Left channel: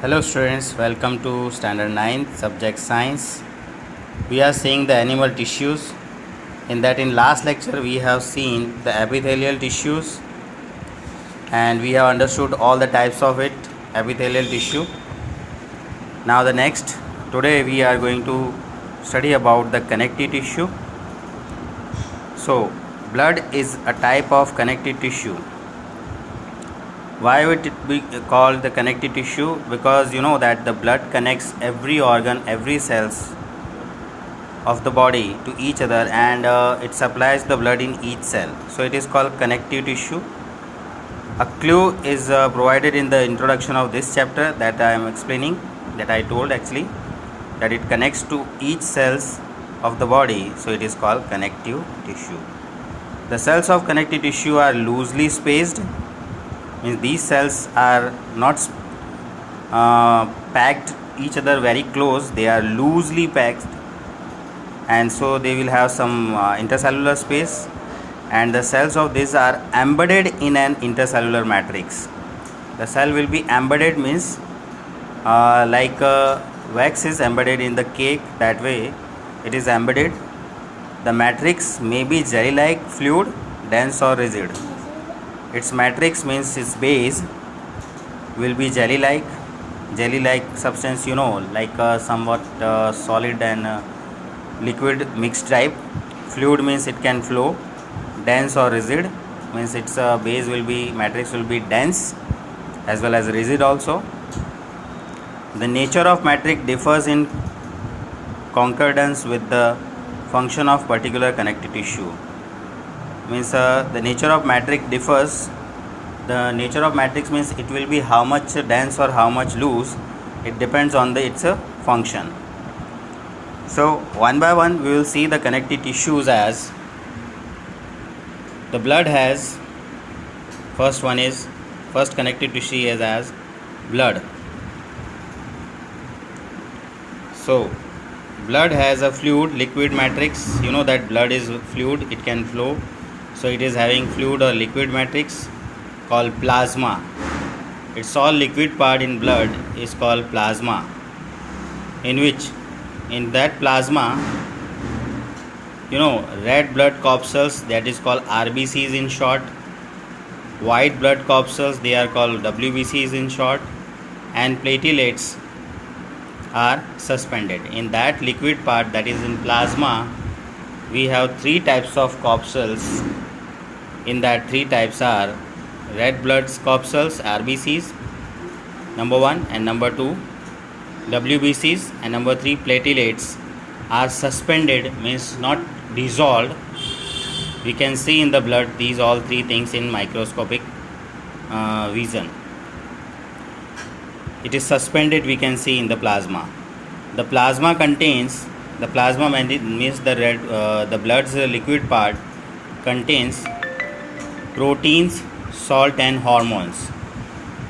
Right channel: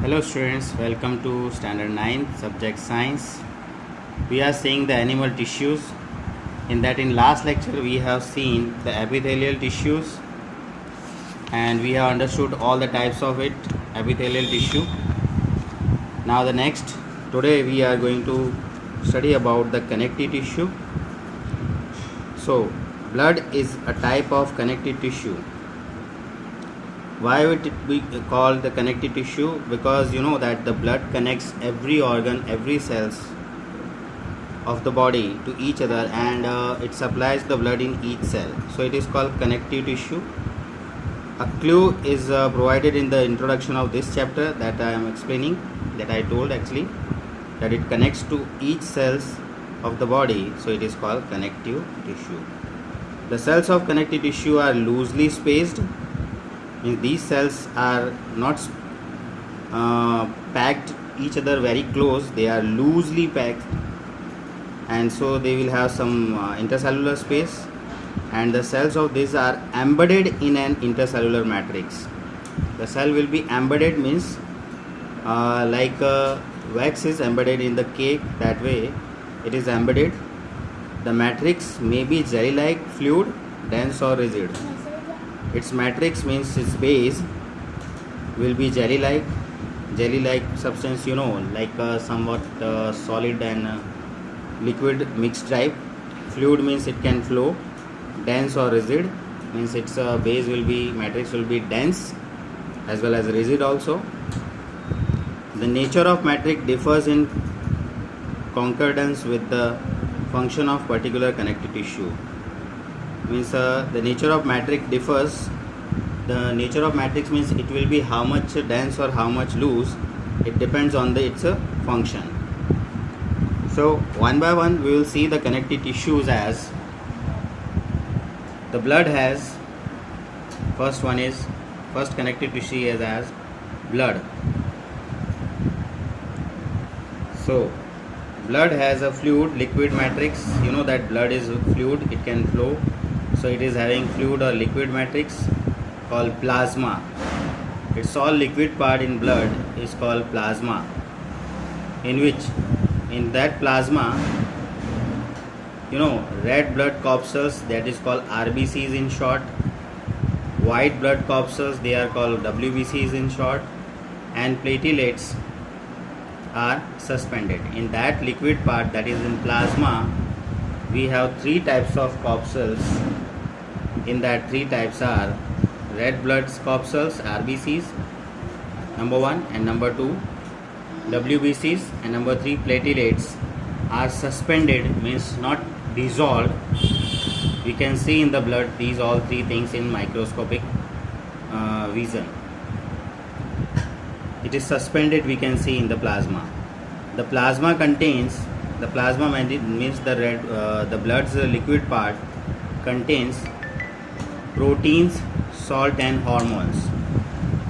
Hello students, welcome to standard 9 subject science. We are seeing the animal tissues. In last lecture we have seen the epithelial tissues and we have understood all the types of epithelial tissue. Now today we are going to study about the connective tissue. So blood is a type of connective tissue. Why would it be called the connective tissue? Because you know that the blood connects every organ, every cells of the body to each other, and it supplies the blood in each cell. So it is called connective tissue. A clue is provided in the introduction of this chapter that I am explaining, that I told actually, that it connects to each cells of the body. So it is called connective tissue. The cells of connective tissue are loosely spaced. Means these cells are not packed each other very close, they are loosely packed, and so they will have some intercellular space, and the cells of these are embedded in an intercellular matrix. The cell will be embedded, means like wax is embedded in the cake, that way it is embedded. The matrix may be jelly like fluid, dense or rigid. Its matrix means its base will be jelly like substance, like somewhat solid and liquid mixed type. Fluid means it can flow. Dense or rigid means its matrix will be dense as well as rigid also. The nature of matrix differs in concordance with the function of particular connective tissue. Means the nature of matrix differs. The nature of matrix means it will be how much dense or how much loose. It depends on its function. So one by one we will see the connective tissues. As the blood has, first connective tissue is as blood. So blood has a fluid liquid matrix. You know that blood is fluid, it can flow. So it is having fluid or liquid matrix called plasma. Its all liquid part in blood is called plasma, in that plasma, red blood corpuscles, that is called RBCs in short, white blood corpuscles, they are called WBCs in short, and platelets are suspended. In that liquid part, that is in plasma, we have three types of corpuscles. In that, three types are red blood corpuscles, RBCs, number 1, and number 2 WBCs, and number 3 platelets are suspended, means not dissolved. We can see in the blood these all three things in microscopic vision. It is suspended, we can see in the plasma. The plasma means the blood's liquid part contains proteins, salt and hormones.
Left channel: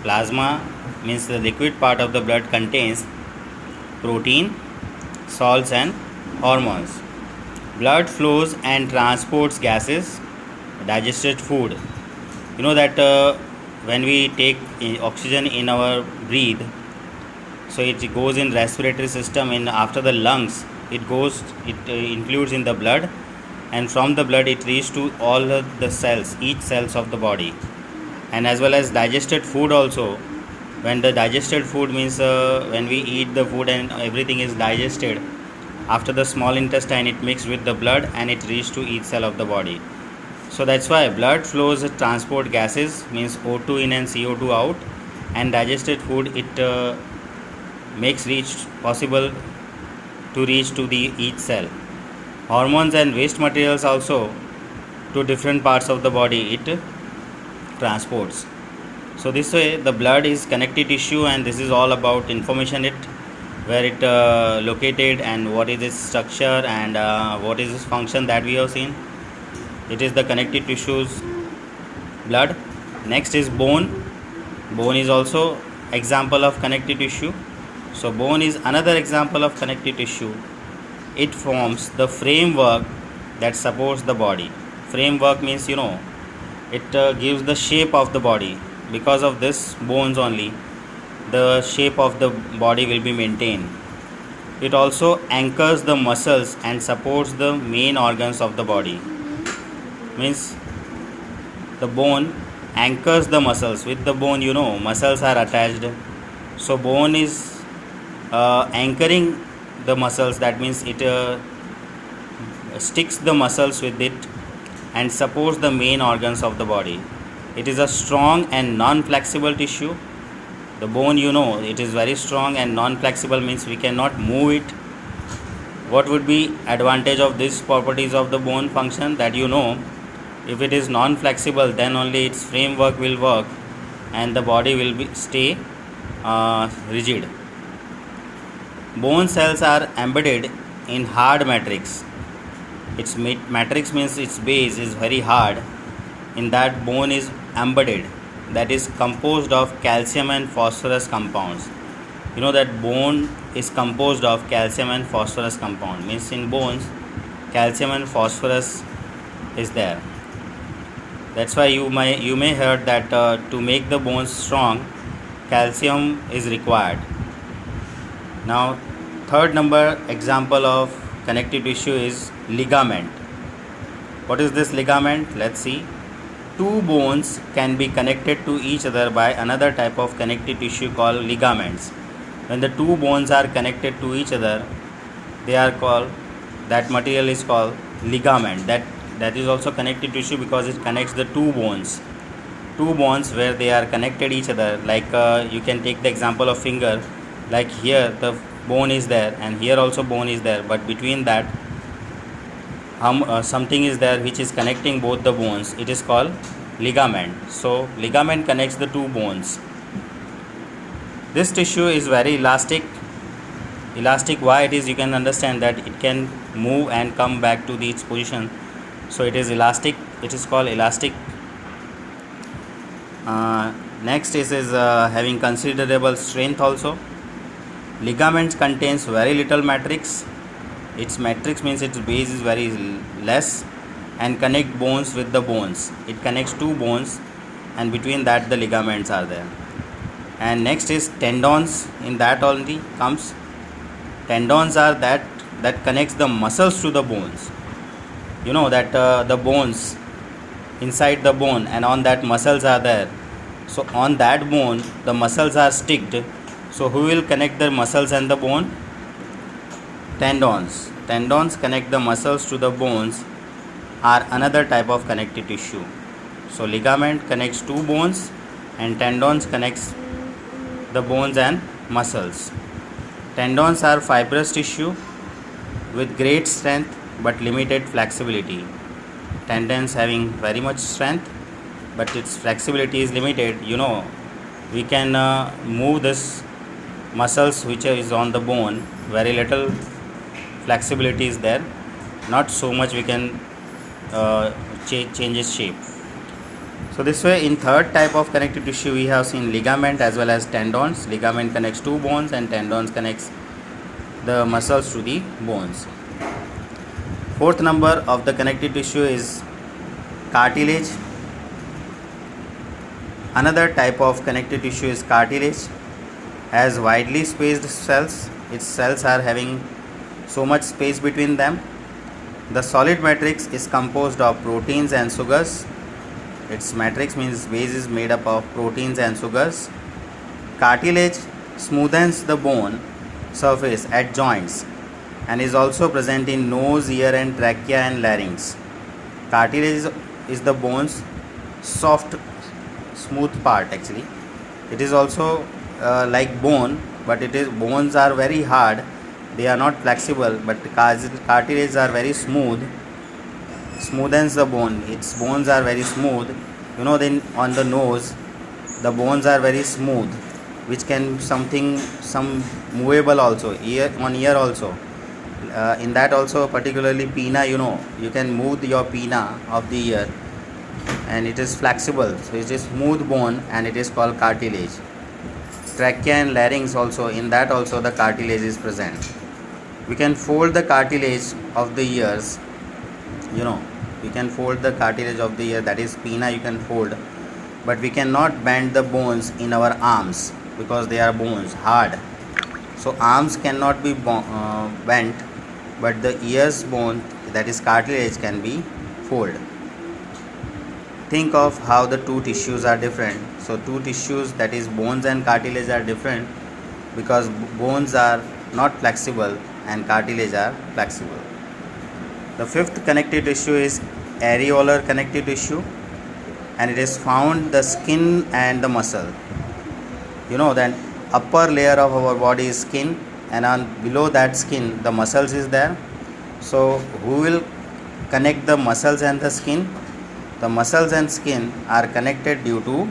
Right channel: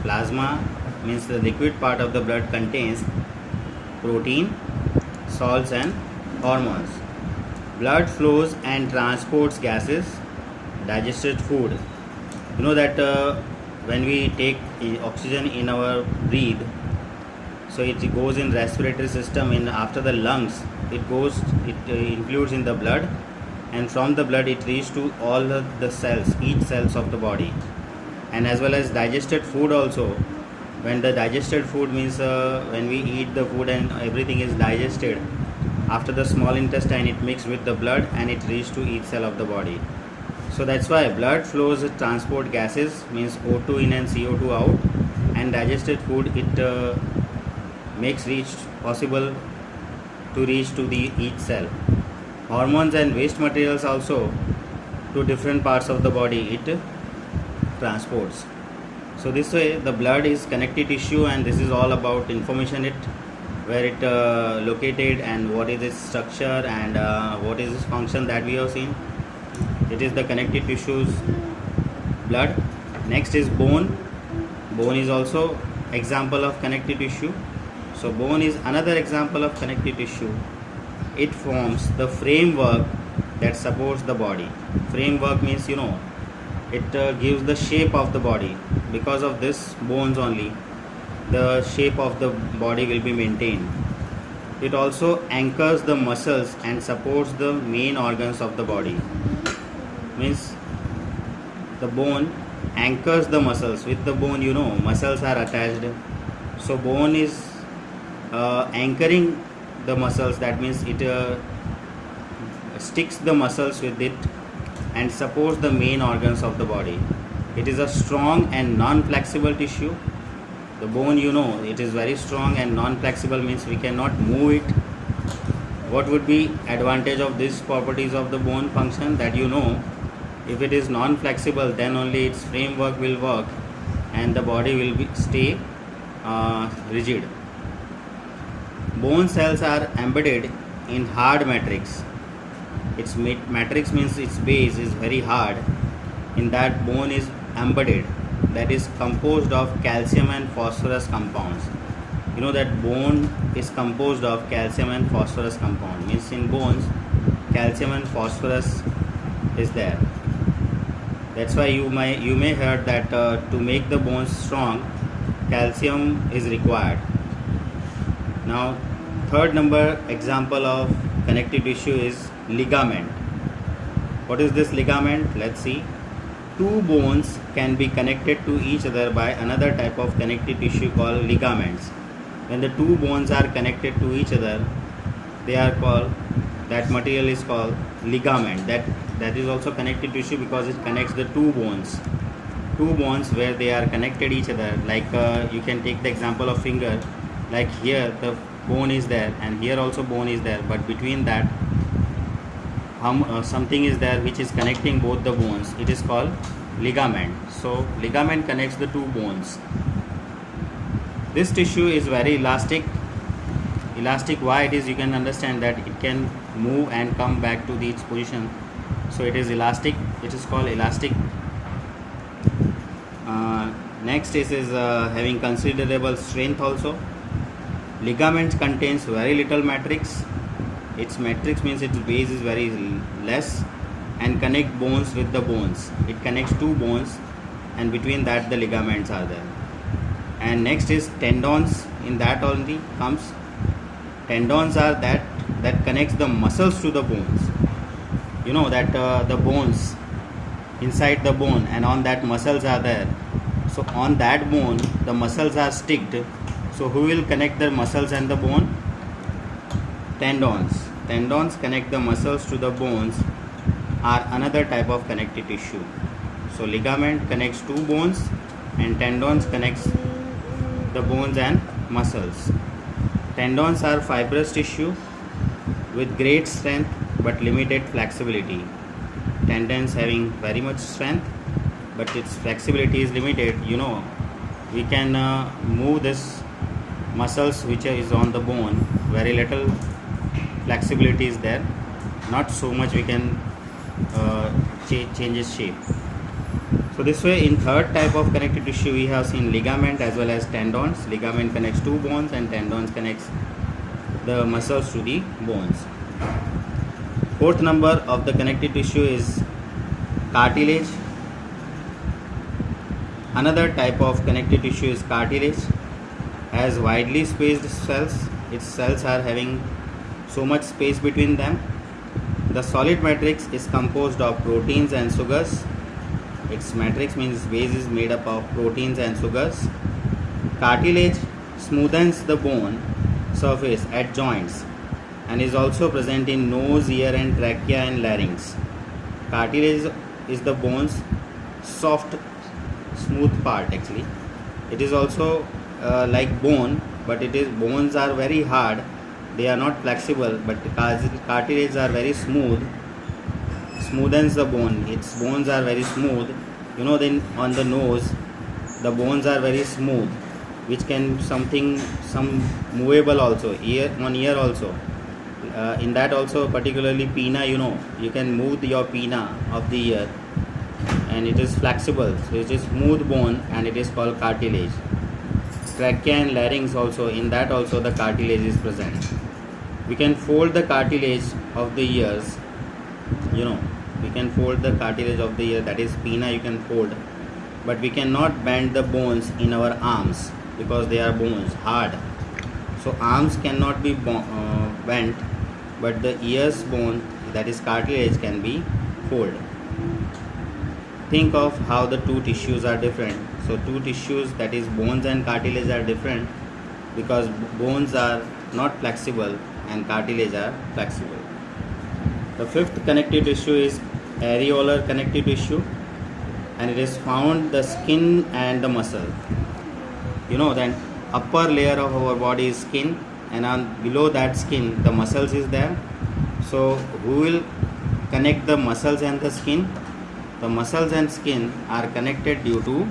Plasma means the liquid part of the blood contains protein, salts and hormones. Blood flows and transports gases, digested food. You know that when we take oxygen in our breathe, so it goes in respiratory system, and after the lungs it includes in the blood, and from the blood it reaches to all the cells, each cells of the body. And as well as digested food also, when the digested food means when we eat the food and everything is digested, after the small intestine it mixes with the blood and it reaches to each cell of the body. So that's why blood flows transport gases, means O2 in and CO2 out, and digested food it makes possible to reach to the each cell. Hormones and waste materials also to different parts of the body it transports. So this way the blood is connective tissue, and this is all about information where it located and what is its structure and what is its function that we have seen. It is the connective tissues, blood. Next is bone. Bone is also example of connective tissue. So bone is another example of connective tissue. It forms the framework that supports the body. Framework means it gives the shape of the body. Because of this bones only, the shape of the body will be maintained. It also anchors the muscles and supports the main organs of the body. Means the bone anchors the muscles. With the bone, muscles are attached. So bone is anchoring the muscles. That means it sticks the muscles with it and supports the main organs of the body. It is a strong and non-flexible tissue. The bone, it is very strong and non-flexible, means we cannot move it. What would be advantage of these properties of the bone function? That if it is non-flexible, then only its framework will work and the body will stay rigid. Bone cells are embedded in hard matrix. Its matrix means its base is very hard. In that, bone is embedded, that is composed of calcium and phosphorus compounds. That bone is composed of calcium and phosphorus compound, means in bones calcium and phosphorus is there. That's why you may heard that to make the bones strong, calcium is required. Now, third number example of connective tissue is ligament. What is this ligament? Let's see. Two bones can be connected to each other by another type of connective tissue called ligaments. When the two bones are connected to each other, that material is called ligament. That is also connective tissue because it connects the two bones. Two bones where they are connected each other. Like you can take the example of finger. Like here the bone is there and here also bone is there, but between that something is there which is connecting both the bones. It is called ligament. So ligament connects the two bones. This tissue is very elastic. Why it is? You can understand that it can move and come back to its position. So it is elastic. It is called elastic. Next is having considerable strength also. Ligaments contains very little matrix. Its matrix means its base is very less and connect bones with the bones. It connects two bones and between that the ligaments are there. And next is tendons. In that only comes tendons are that connects the muscles to the bones. That the bones inside the bone and on that muscles are there. So on that bone the muscles are sticked. So who will connect the muscles and the bone? Tendons. Tendons connect the muscles to the bones, are another type of connective tissue. So ligament connects two bones and tendons connects the bones and muscles. Tendons are fibrous tissue with great strength but limited flexibility. Tendons having very much strength but its flexibility is limited. We can move this muscles which is on the bone, very little flexibility is there, not so much we can change its shape. So this way, in third type of connective tissue we have seen ligament as well as tendons. Ligament connects two bones and tendons connects the muscles to the bones. Fourth number of the connective tissue is cartilage. Another type of connective tissue is cartilage. Has widely spaced cells. Its cells are having so much space between them. The solid matrix is composed of proteins and sugars. Its matrix means base is made up of proteins and sugars. Cartilage smoothens the bone surface at joints and is also present in nose, ear and trachea and larynx. Cartilage is the bone's soft, smooth part actually. It is also like bone, but bones are very hard. They are not flexible, but the cartilage are very smooth. Smoothens the bone. Its bones are very smooth. Then on the nose, the bones are very smooth, which can some movable also. Ear also. In that also, particularly pinna, you can move your pinna of the ear, and it is flexible. So it is smooth bone, and it is called cartilage. Trachea and larynx also. In that also, the cartilage is present. We can fold the cartilage of the ears. We can fold the cartilage of the ear, that is pinna you can fold, but we cannot bend the bones in our arms. because they are bones, hard. So arms cannot be bent, but the ears bone, that is cartilage, can be folded. Think of how the two tissues are different. So two tissues, that is bones and cartilage, are different because bones are not flexible and cartilage are flexible. The fifth connective tissue is areolar connective tissue, and it is found the skin and the muscle. You know that upper layer of our body is skin, and on below that skin the muscles is there. So who will connect the muscles and the skin? The muscles and skin are connected due to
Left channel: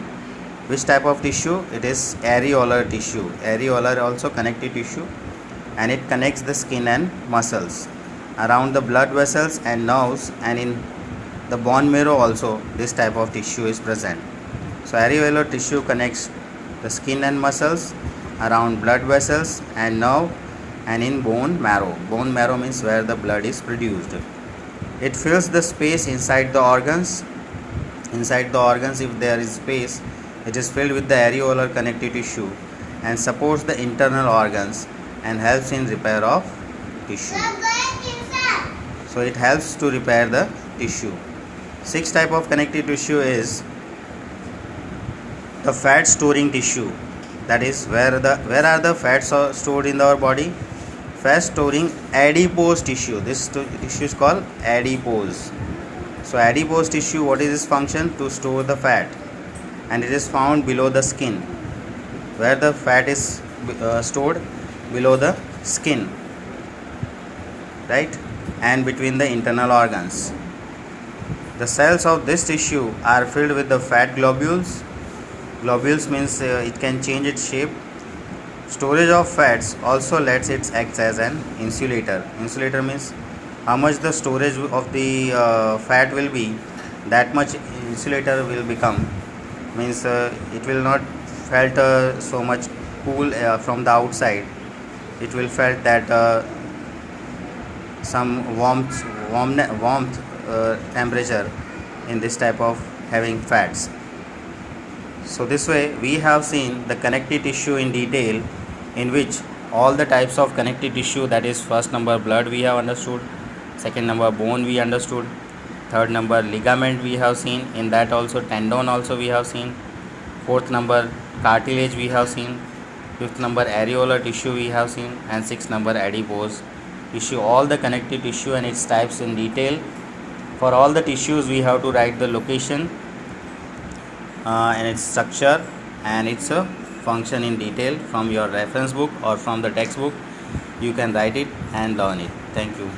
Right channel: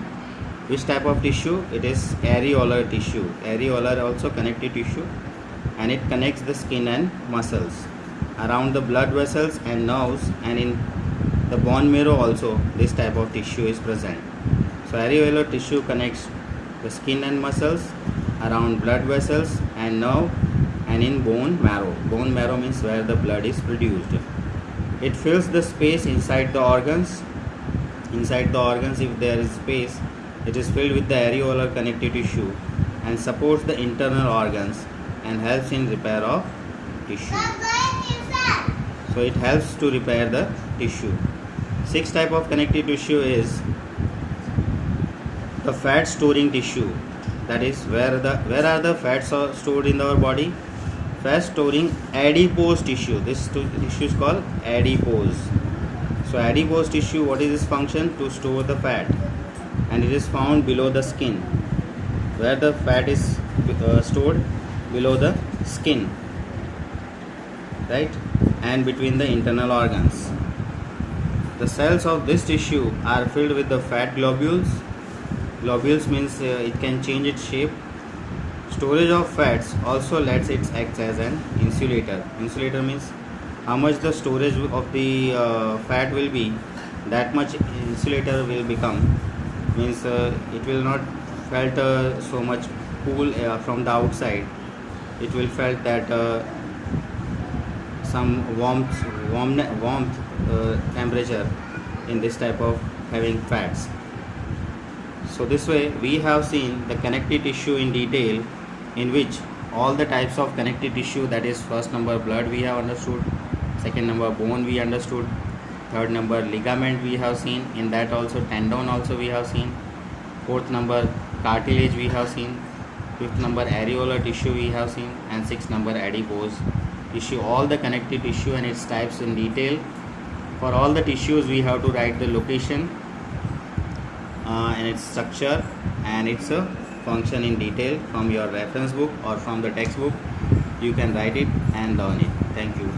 which type of tissue? It is areolar tissue. Areolar also connective tissue, and it connects the skin and muscles around the blood vessels and nerves, and in the bone marrow also this type of tissue is present. So areolar tissue connects the skin and muscles around blood vessels and nerve, and in bone marrow. Bone marrow means where the blood is produced. It fills the space inside the organs. Inside the organs, if there is space, it is filled with the areolar connective tissue and supports the internal organs and helps in repair of tissue. So it helps to repair the tissue. Sixth type of connective tissue is the fat storing tissue. That is where are the fats are stored in our body? Fat storing adipose tissue. This tissue is called adipose. So adipose tissue, what is its function? To store the fat, and it is found below the skin, where the fat is stored below the skin, right, and between the internal organs. The cells of this tissue are filled with the fat globules. Globules means it can change its shape. Storage of fats also lets it act as an insulator. Insulator means how much the storage of the fat will be, that much insulator will become. Means it will not felt so much cool from the outside. It will felt that some warmth temperature in this type of having fats. So this way we have seen the connective tissue in detail, in which all the types of connective tissue, that is first number blood we have understood, second number bone we understood, third number ligament we have seen, in that also tendon also we have seen, fourth number cartilage we have seen, fifth number areolar tissue we have seen, and sixth number adipose tissue. All the connective tissue and its types in detail. For all the tissues we have to write the location and its structure and its function in detail from your reference book or from the textbook. You can write it and learn it. Thank you.